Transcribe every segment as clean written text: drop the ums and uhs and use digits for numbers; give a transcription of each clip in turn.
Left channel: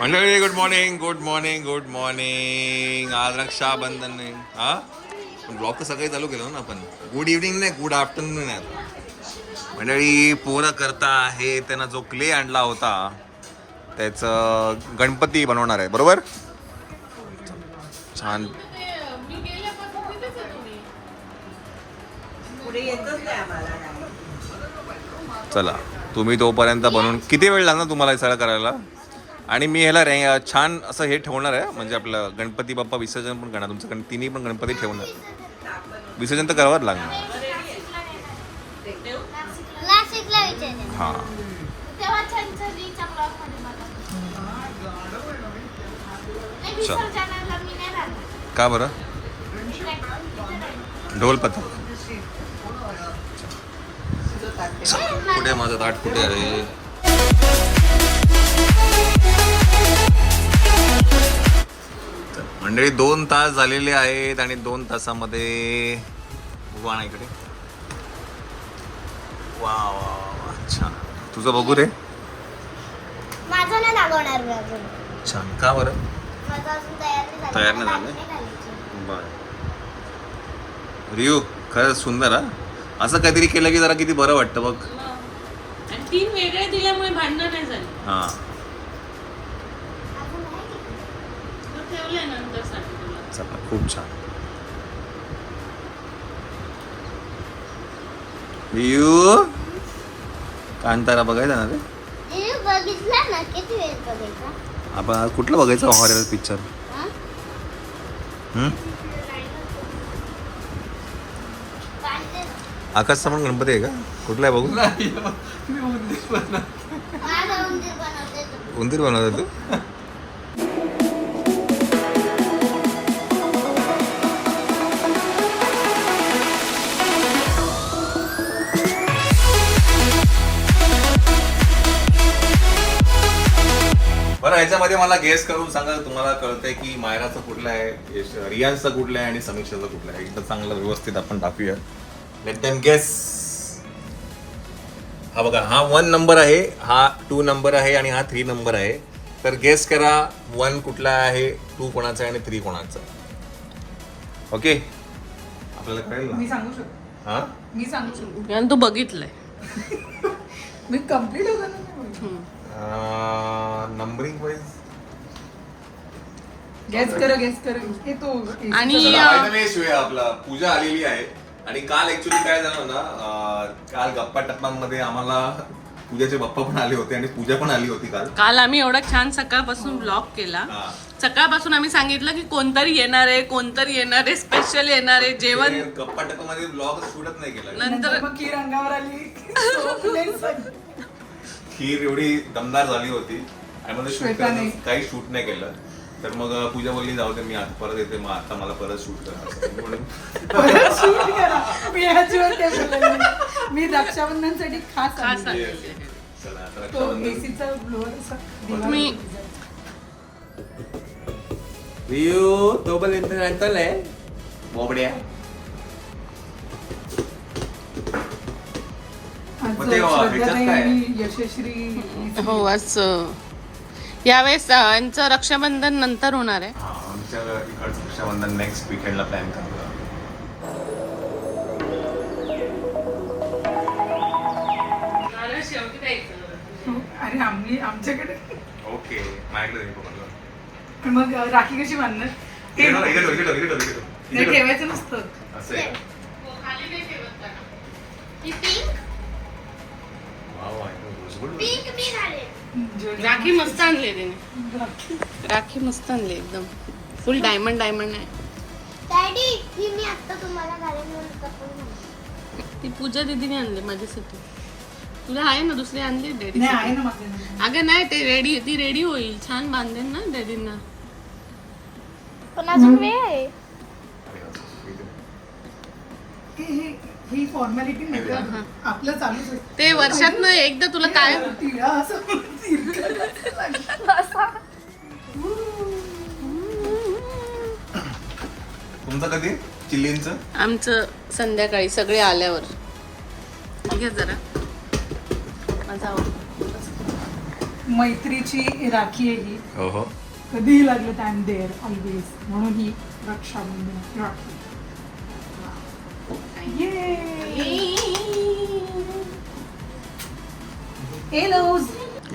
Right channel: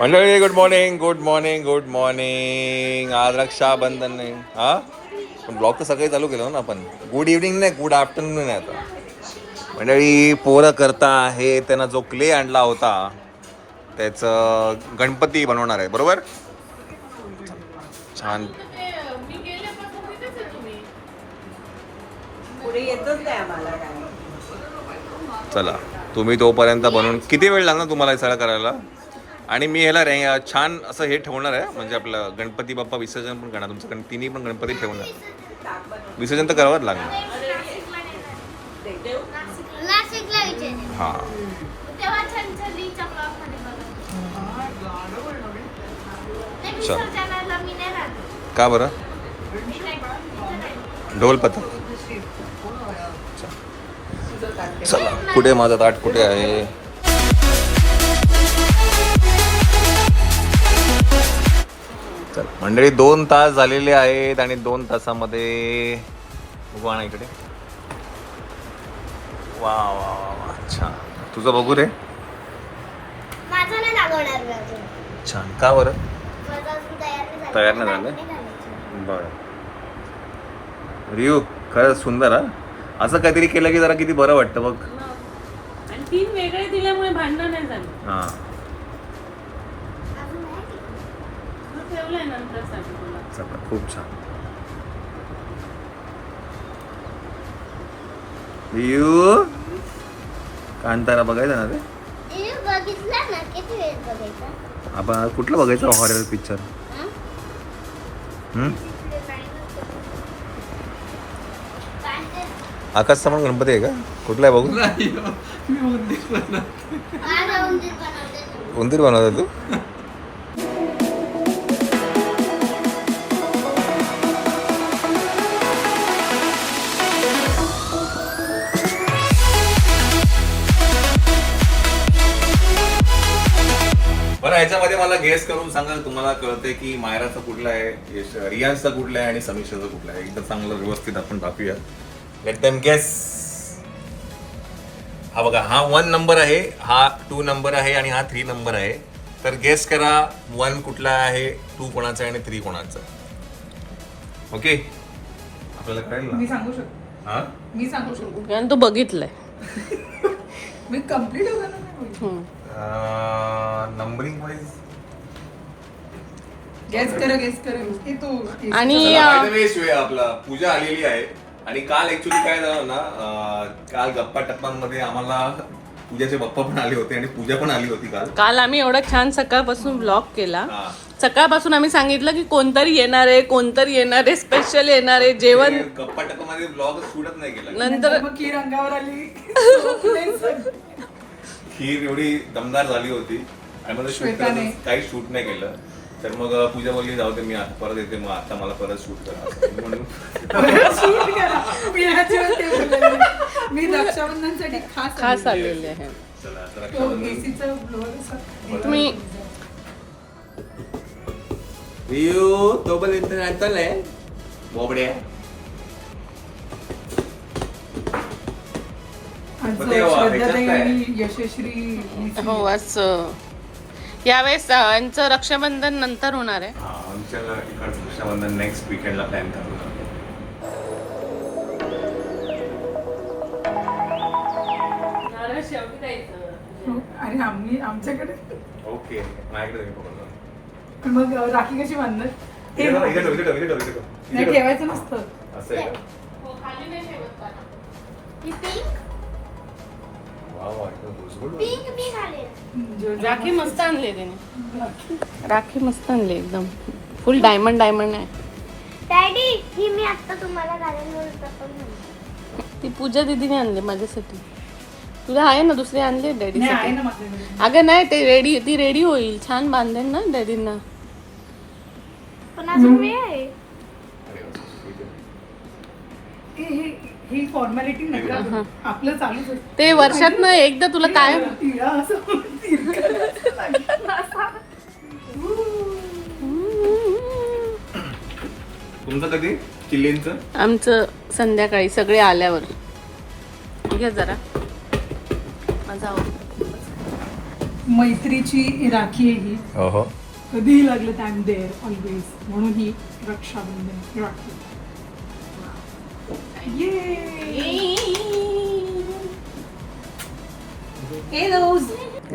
मंडळी good morning good morning good morning. आज रक्षाबंधन नाही हा पण ब्लॉग तर सकाळी चालू केलं ना आपण. गुड इव्हनिंग नाही गुड आफ्टरनून नाही आता. मंडळी पोरं करता आहे त्यांना जो क्ले आणला होता त्याचं गणपती बनवणार आहे बरोबर. छान चला तुम्ही तोपर्यंत बनवून किती वेळ लागणार तुम्हाला हे सगळं करायला. आणि मी ह्याला छान असं हे ठेवणार आहे म्हणजे आपलं गणपती बाप्पा विसर्जन पण करणार तुमचं तिन्ही पण गणपती ठेवणार. विसर्जन तर करावंच लागणार. हां का बरं ढोल पथक. कुठे माझा ताट कुठे आहे. चल मंडळी 2 तास झालेले आहेत आणि 2 तासामध्ये बघू ना इकडे. वा वा वा छान. तुझं बघू रे. छान का बरं तयार नाही झालं. बरं रियू खरंच सुंदर हा. असं काहीतरी केलं की जरा किती बरं वाटतं बघ. आणि 3 वेगळे दिल्यामुळे भांडणं नाही झाली. हां ठेवलंय नंतर तुला. चला खूप छान. रियू कांतारा बघायचा ना रे. आपण आज कुठलं बघायचं हॉरर पिक्चर. आकाश समोर गणपती आहे का कुठला आहे बघू. उंदीर बनवतो तू. बरं ह्याच्यामध्ये मला गेस करून सांगा तुम्हाला कळतंय की मायराचं कुठलं आहे रियांशचं कुठलं आहे आणि समीक्षाचं कुठलं आहे. एकदा चांगलं व्यवस्थित आपण टाकूया. Let them guess. हा बघा हा 1 नंबर आहे हा 2 नंबर आहे आणि हा 3 नंबर आहे. तर गेस करा 1 कुठला आहे 2 कोणाचा आहे आणि 3 कोणाचं. ओके आपल्याला कळेल मी सांगू शकतो. हा मी सांगू शकतो. कारण तू बघितलंय. मी कम्प्लीट होणार. नंबरिंग वाईज गेस कर की तू. आणि आपला पूजा आलेली आहे आणि काल ऍक्च्युली काय झालं ना काल गप्पा टप्पांमध्ये आम्हाला पूजाचे बाप्पा पण आले होते आणि पूजा पण आली होती काल आम्ही एवढा छान सकाळपासून ब्लॉग केला. सकाळपासून आम्ही सांगितलं की कोणतरी येणार आहे स्पेशल येणार आहे जेवण. गप्पा टप्पामध्ये ब्लॉग शूटच नाही केला. नंतर खीर अंगावर आली. खीर एवढी दमदार झाली होती आणि मला शूट करायचं काही शूट नाही केलं. तर मग पूजा बोलली जाऊ दे मी आता परत येते मग आता मला परत शूट करा म्हणून. मी रक्षाबंधनसाठी खास आलेले आहे. चला आता रक्षाबंधन तुम्ही रियू तो पण इंटरनॅशनल आहे बोबड्या. यशस्वी हो आज यावेळेस यांचं रक्षाबंधन नंतर होणार आहे. आमच्या इकडचं रक्षाबंधन नेक्स्ट वीकेंडला प्लॅन करतो. अरे आमच्याकडे ओके माझ्याकडे मग राखी कशी बांधणार. नाही ठेवायचं नसतं असं आहे का. राखी मस्त आणले त्याने. राखी मस्त आणले एकदम फुल डायमंड आहे. डॅडी ही मी आता तुम्हाला घालून ती पूजा दीदीने आणली माझ्यासाठी. तुला आहे ना दुसरी आणली डॅडी. नाही आहे ना माझ्याकडे. अगं नाही ती रेडी होईल छान बांधेल ना डॅडींना. पण अजून वेळ आहे. ही फॉर्मॅलिटी नका आपलं चालूच आहे. ते वर्षात ना एकदा तुला काय तिळा असं तुमचं कधी चिल्लींचं. आमचं संध्याकाळी सगळे आल्यावर घ्या जरा. मैत्रीची राखी आहे ही. ओहो. कधीही लागलं तर आय एम देअर ऑलवेज, म्हणून ही Rakshabandhan Rakhi.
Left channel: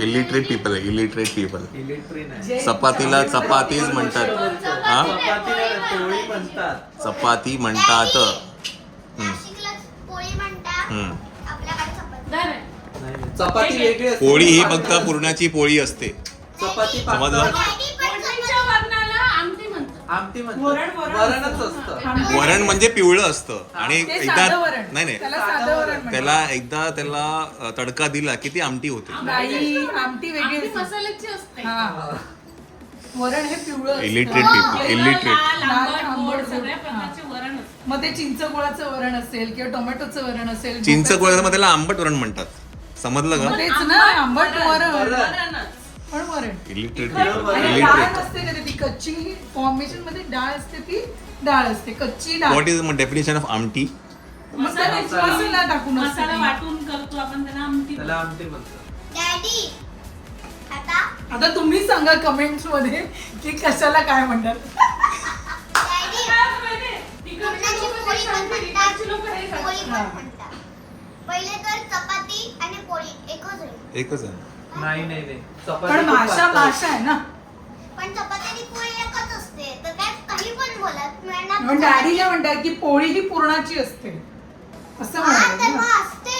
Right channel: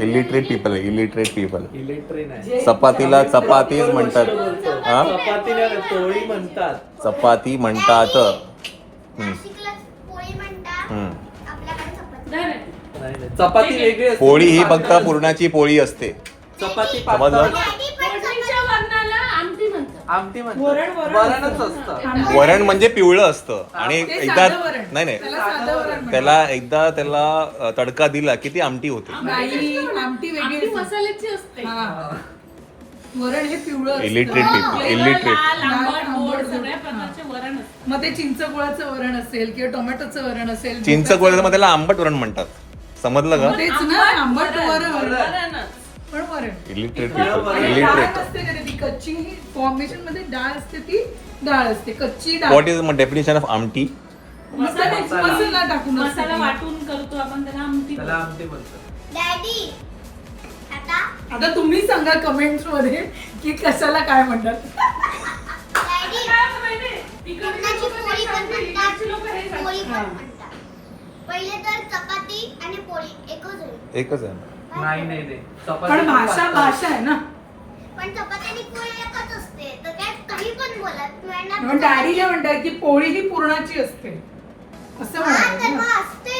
Illiterate people, illiterate people. चपातीला चपातीच म्हणतात. हा, पोळी म्हणतात. चपाती म्हणतात. नाशिकला पोळी म्हणतात, आपल्याकडे चपाती. चपाती वेगळी असते. पोळी ही फक्त पुरणाची पोळी असते. चपाती समजलं? डॅडी पण पोळीच्या वर्णाला आमटी म्हणतात. आमटी वरण वरणच असतं. वरण म्हणजे पिवळं असतं आणि ते एकदा साधं वरण. नाही त्याला साधं वरण म्हणतात. त्याला एकदा त्याला तडका दिला की ती आमटी होते. नाही, आमटी वेगळी आमटी असते. मसाल्याची असते. हा. वरण हे पिवळं असतं. Illiterate people, illiterate. लाल, आंबट, लाल, गोड आंबट, सगळ्या हा. प्रकारचे वरण असते. मग ते चिंचगुळाचं वरण असेल किंवा टोमॅटोचं वरण असेल. चिंच गोळ्यामध्ये त्याला आंबट वरण म्हणतात. समजलं का? तेच ना, आंबट वरण. वरणच. पण वरण. इलिटरेट पीपल, आणि डाळ इलिटरेट. असते का ती कच्ची फॉर्मेशन मध्ये डाळ असते, ती डाळ असते कच्ची डाळ. व्हॉट इज डेफिनेशन ऑफ आमटी? मसाला टाकून असते मसाला ती. वाटून करतो आपण त्याला आमटी त्याला बोलतो. आमटी म्हणतात. डॅडी आता आता तुम्ही सांगा कमेंट्स मध्ये की कशाला काय म्हणतात. डॅडी काय माहिती? तिकडे पुरणाची लोकं पोळी पण कशाला म्हणतात, इकडची लोकं हे करतात. पोळी पण म्हणतात. पहिले तर चपाती आणि पोळी एकच आहे. एकच आहे. नाही नाही नाही. चपाती पण खूप भाषा पातळ. भाषा आहे ना. पण चपाती आणि पोळी एकच असते, तर काय काही पण बोलत मिळणार. डॅडीला म्हणतात की पोळी ही पुरणाची असते असं हा, तर म्हणाले. मग असते.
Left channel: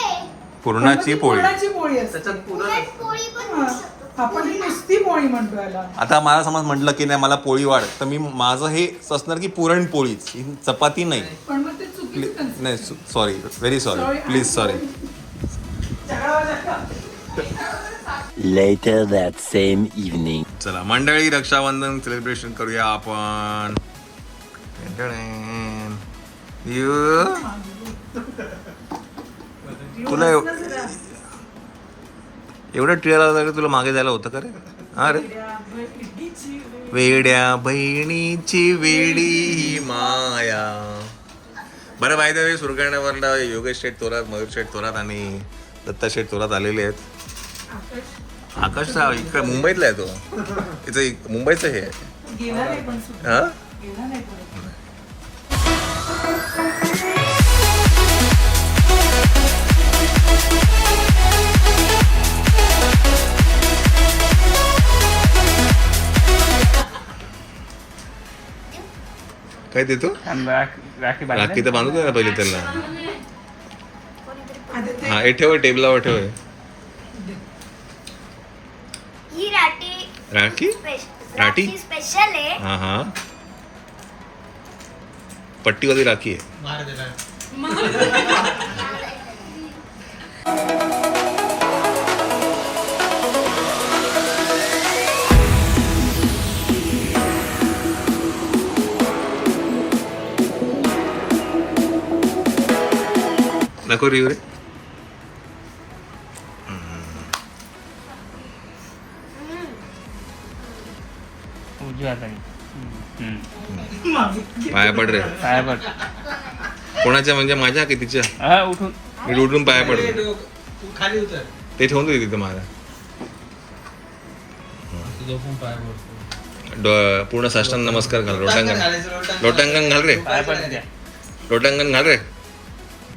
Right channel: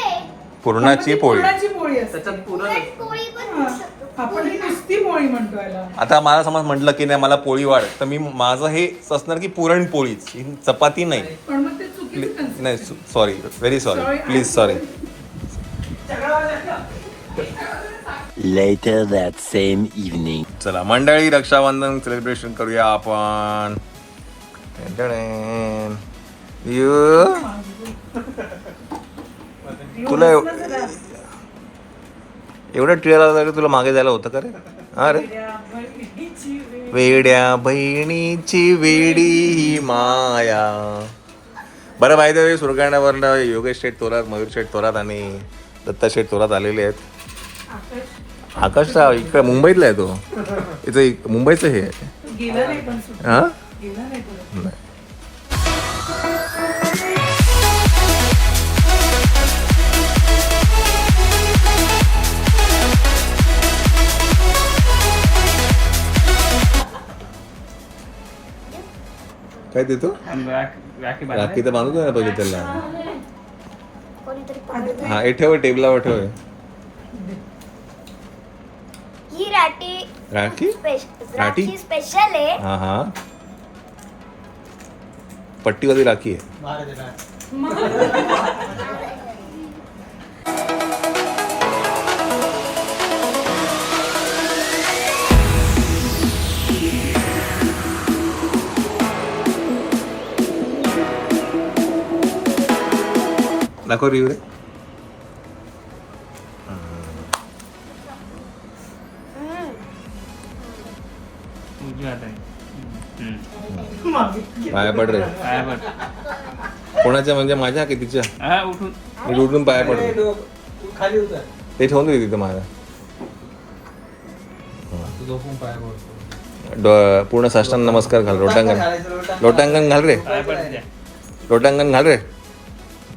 पुरणाची पोळी. पुरणाची पोळी असते. त्याच्यात पुरण पुरण पोळी पण म्हणू शकतो. आपण ही नुसती पोळी म्हणतो याला. आता मला समज म्हटलं की नाही मला पोळी वाढ, तर मी माझं हे असणार की पुरणपोळीच, ही चपाती नाही. पण मग ते चुकीचं concept नाही आहे. Sorry, very sorry, please sorry. Later that same evening. चला मंडळी, रक्षाबंधन सेलिब्रेशन करूया आपण. तुला एवढा टिळा लागला की तुला मागे जायला होतं का रे? हा रे, वेड्या बहिणीची वेडी माया. बरं, माहिती आहे सुरगाण्यावरनं योगेश शेठ थोरात, मयूर शेठ थोरात आणि दत्ता शेठ थोरात आलेले आहेत. आकाशराव इकडे मुंबईतला आहे तो. इथं मुंबईचं हे गेला नाही पण सुद्धा. हा. गेला नाही पण. काय देतो? राखी तर बांधू दे ना पहिले त्याला. कोणीतरी हा, हे ठेव टेबलावर ठेव. ही राठी राखी स्पेशल राठी? राठी स्पेशल आहे. हा हा, पट्टीवाली राखी आहे. नको रिव रे. पाया पड रे. कोणाच्या म्हणजे माझ्या की तिच्या? मी उठून पाया पडतो. खाली उतर. ते ठेवून दे तिथं माझ्या. झोपून पाय पडतो. पूर्ण साष्टांग नमस्कार घाल. लोटांगण, लोटांगण घाल रे. लोटांगण घाल रे.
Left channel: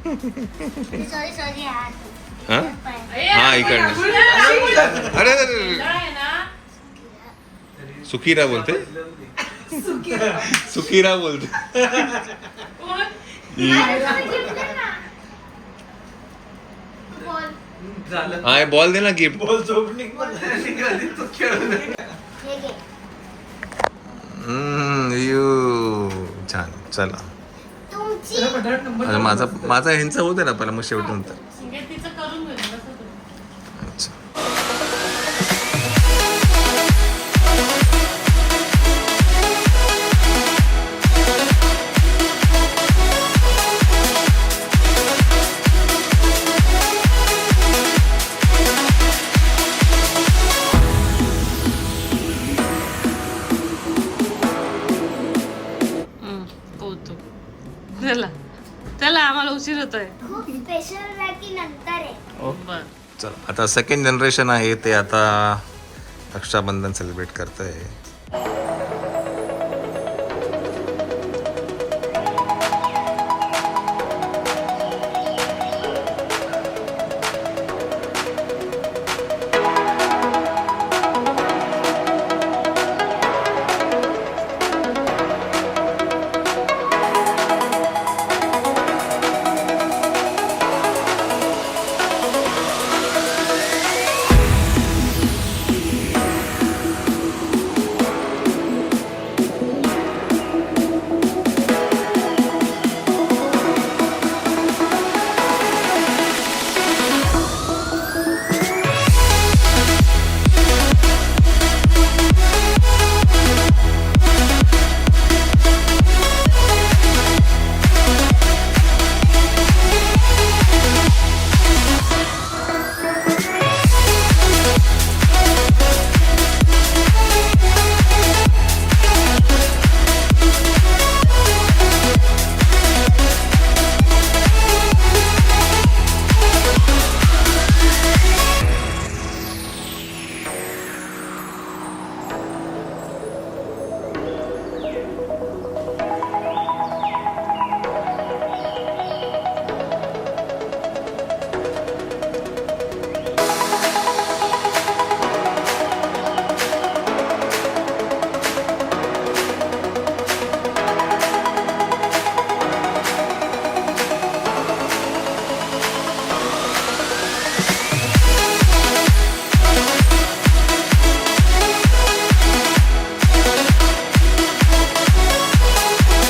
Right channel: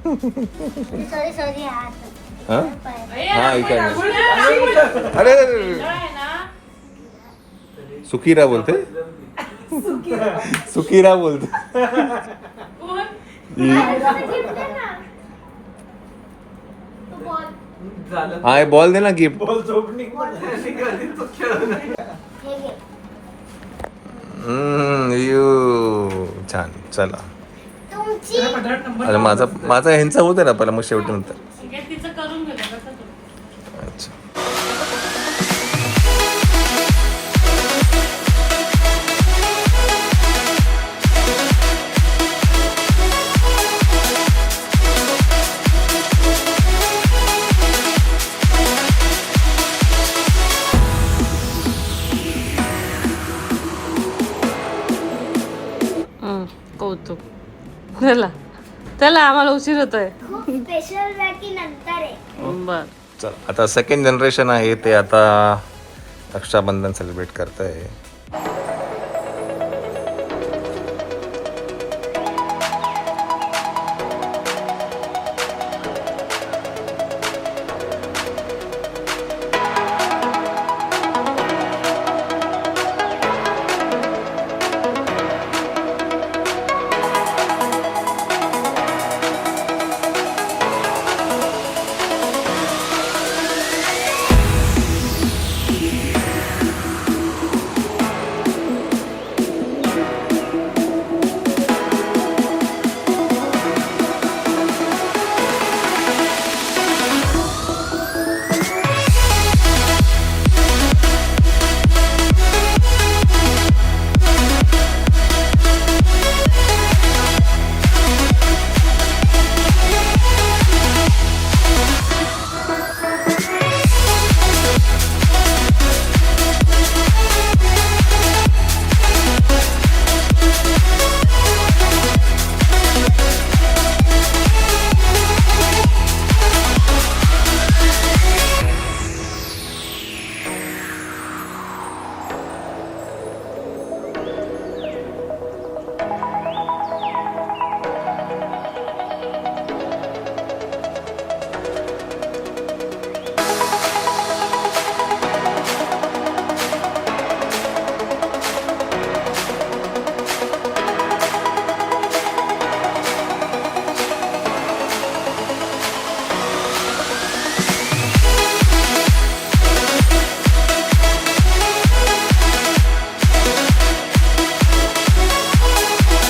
सॉरी सॉरी हात. हा हा, इकडनं. अरे अरे, अरे. सुखीरा बोलते. सुखीरा बोलते. झालं. हा, बॉल दे ना गिफ्ट. बोल झोप निघाली तो खेळून. हे घे. छान. चला तुमची अरे, माझा ह्यांचा होते ना पहिला, मग शेवटी नंतर. हे तिचं करून घे ना, तसं करू. अच्छा. कौतुक. चला चला, आम्हाला उशीर होतोय. खूप स्पेशल राठी नंतर आहे. बर. चला, आता सेकंड जनरेशन आहे ते आता रक्षाबंधन सेलिब्रेट करतोय.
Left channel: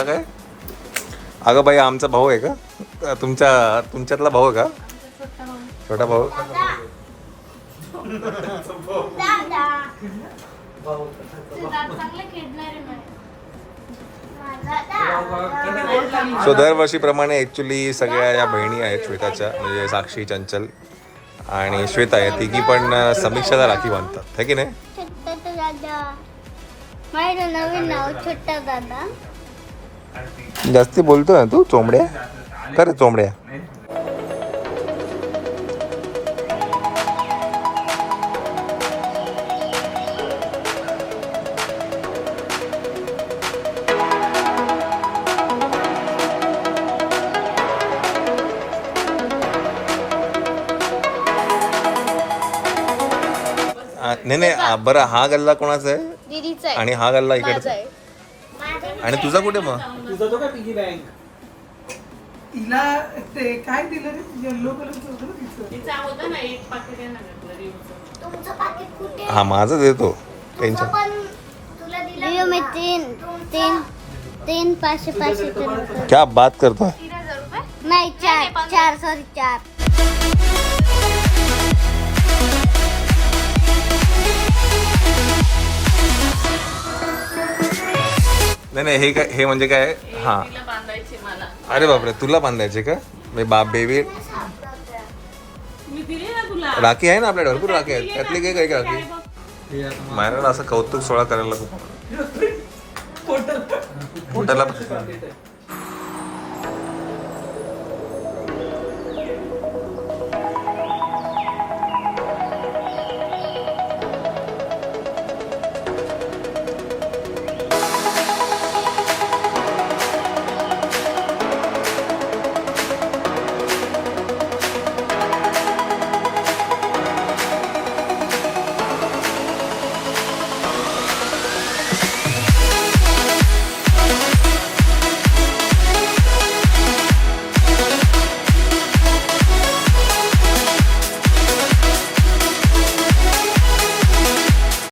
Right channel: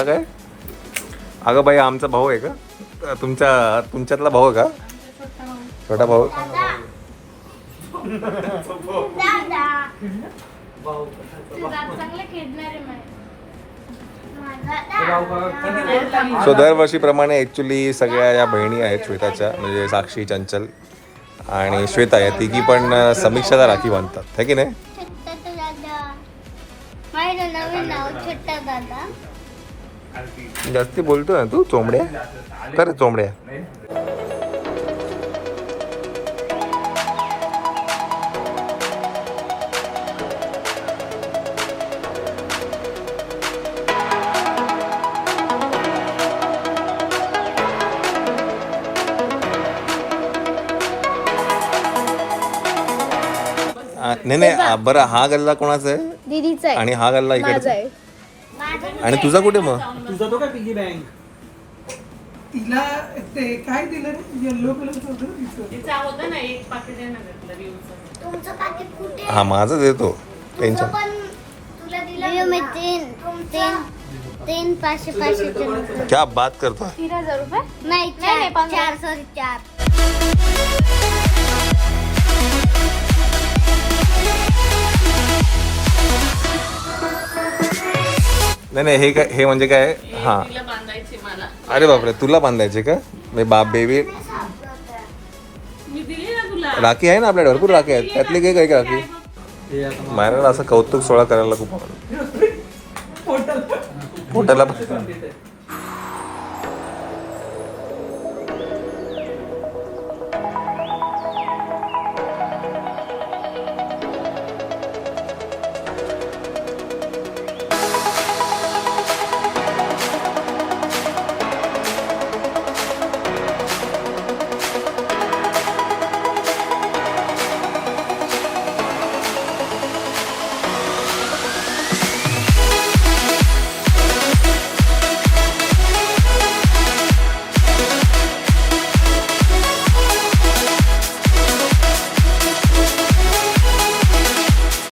काय अगं बाई आमचा भाऊ आहे का? तुमच्यातला भाऊ आहे का? छोटा भाऊ. दादा चांगलं खेळणार आहे माझा. सो दरवर्षीप्रमाणे ॲक्च्युली सगळ्या या बहिणी आहेत श्वेताच्या, म्हणजे साक्षी, चंचल आणि श्वेता या तिघी पण समीक्षाला राखी बांधतात, है की नाही? छोटा दादा माझं नवीन नाव छोटा दादा. जास्ती बोलतो ना तू, चोंबड्या कर चोंबड्या. नाही बरं, हा गल्ला कोणाचा आहे दीदीचा आहे आणि हा गल्ला इकडचा आहे. आणि तुझा कुठे मग? तुझा तो काय पिगी बँक? तिला ते काय दिलं रे, येल्लो कलरचं होतं ना तिचं. तिचं होतं ना एक पाकिट आहे ना भेटलं रिव्ह्यूचं. तुमचं पाकीट कुठे? हा माझं देतो टेन्शन. पण तुला दिलं मी तीन 500 नोट. क्या बात करतो. नाही चार सॉरी 4. नाही हे काय, हे म्हणजे काय? हा तिला बांधायची मला. अरे बापरे, तुला बांधायचे का? मी बाप बेबी मी दिली ना तुला. राखी आहे ना आपल्याकडे, भरपूर राखी आहेत. त्यातली काही काही राखी हे आता मायराला असं कौतुक सोहळा करायला खूप आवडतं. पोटाला